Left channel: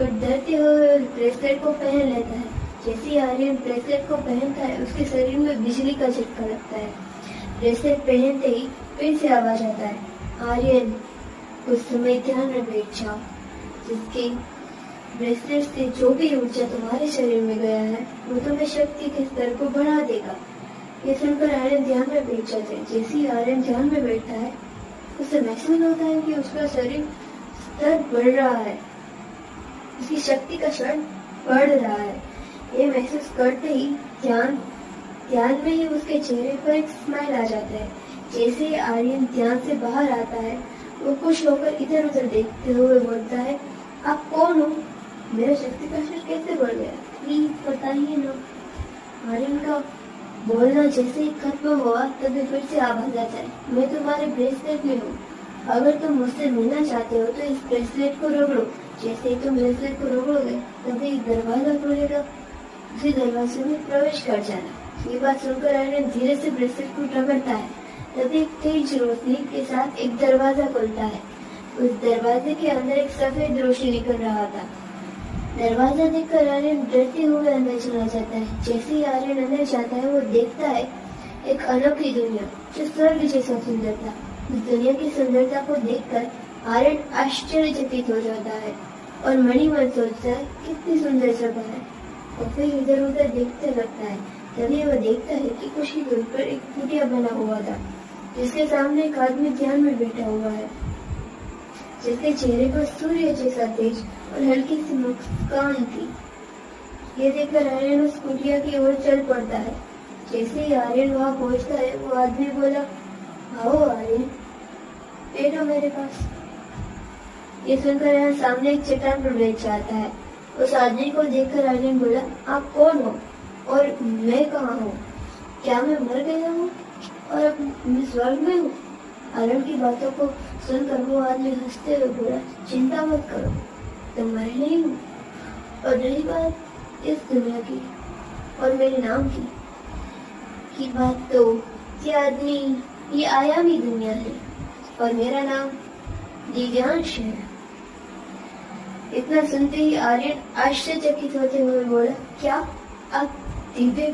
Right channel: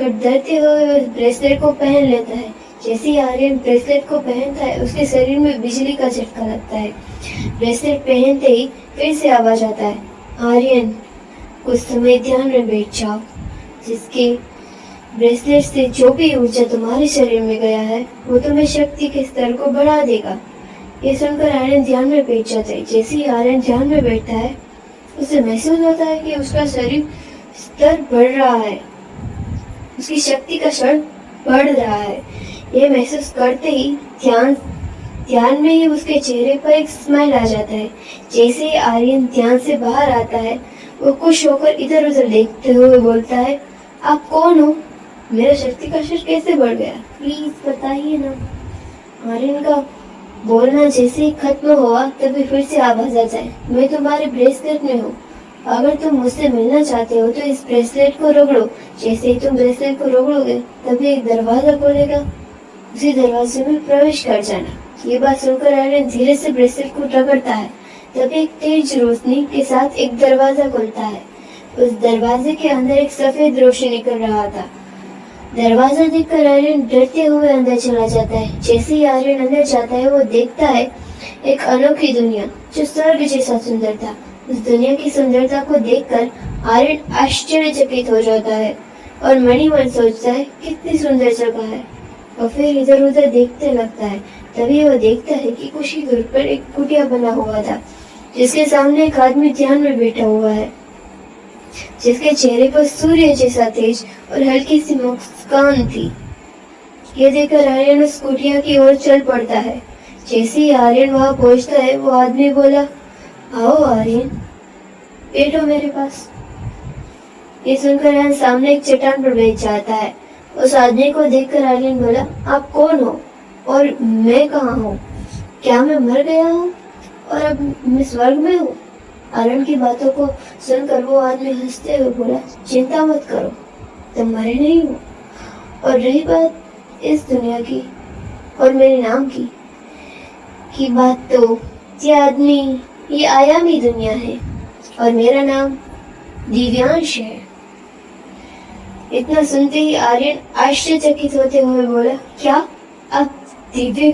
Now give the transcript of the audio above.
डरते हुए उस ब्रेसलेट को पहन लेता है। जैसे ही आर्यन ब्रेसलेट को पहनता है, उसके शरीर में बिजली का झटका लगता है। ब्रेसलेट पहनते ही फिर से आवाज आता है, आर्यन, कुछ समय ध्यान में बैठ जाओ। जिसके ब्रेसलेट से जो भी ऊर्जा तुम्हारे शरीर में गया है, वो तुम्हें शक्ति के स्तर को बढ़ा देगा। ये सुनकर आर्यन ध्यान में बैठ जाता है। जैसे ही आर्यन ध्यान में बैठता है, उसे महसूस होता है कि उसका शरीर स्तर बढ़ रहा है, उसकी शक्ति का स्तर बढ़ रहा है। यह महसूस करते ही ध्यान में ही उसके चेहरे पर एक स्माइल आ जाता है। जैसे ही आर्यन ध्यान से बाहर आता है, वो खुश होकर इधर उधर देखते हुए बोलता है, आप कौन हो? मेरा शक्ति का स्तर कैसे बढ़ गया? प्लीज बताइए ना। आर्यन का बोलना जैसे ही खत्म हुआ, तभी फिर से आवाज आ जाए, मैं तुम्हारे ब्रेसलेट में हूँ। अगर तुम मुझसे मिलना चाहते हो तो इस ब्रेसलेट को रगड़ो। जैसे ही तुम ब्रेसलेट को रगड़ोगे, तभी एक दरवाजा खुलेगा, उसी दरवाजे में प्रवेश कर जाना। ये बात सुनकर आर्यन धीरे से ब्रेसलेट को रगड़ता है। तभी एक तेज रोशनी के साथ एक दरवाजा खुलता है। उस दरवाजे के अंदर एक सफेद रोशनी निकल रहा था। दरवाजा देखकर आर्यन डरते हुए अंदर चला जाता है। जैसे ही आर्यन अंदर जाता है, वो देखता है एक अनोखी दुनिया जो स्वर्ग जैसा सुंदर था। उस दुनिया की सुंदरता को देखकर आर्यन आश्चर्यचकित हो जाता है और मन ही मन सोचता है, कितनी सुंदर जगह है। और फिर इधर उधर देखते लगता है। तभी वो देखता है कि कुछ ही दूर पर एक कुटिया बना हुआ था, जिसके सामने एक आदमी ध्यान में बैठा हुआ है, जिसके चेहरे पर सूर्य जैसा तेज और हल्की सी मुस्कान थी। ये देखकर आर्यन उस कुटिया की ओर चल पड़ता है। जैसे ही आर्यन वहां पहुंचता है, वो आदमी बोला, आओ आर्यन, बैठो मेरे पास। ये सुनकर आर्यन सामने एक चट्टान पर बैठ जाता है। उस आदमी को देखकर आर्यन बोला, आप कौन हो और मैं कहाँ हूँ? क्या मैं मर गया हूँ और अब मैं स्वर्ग में हूँ? आर्यन की बातों को सुनकर वो आदमी हंसते हुए बोला, चिंता मत करो, तुम मरे नहीं हो। और रही बात इस दुनिया की और मेरे नाम की बात, तो ये आयामी दुनिया है और मेरा नाम दिव्यांश है। इतना सुनते ही आर्यन आश्चर्यचकित होते हुए बोला, क्या आप दिव्य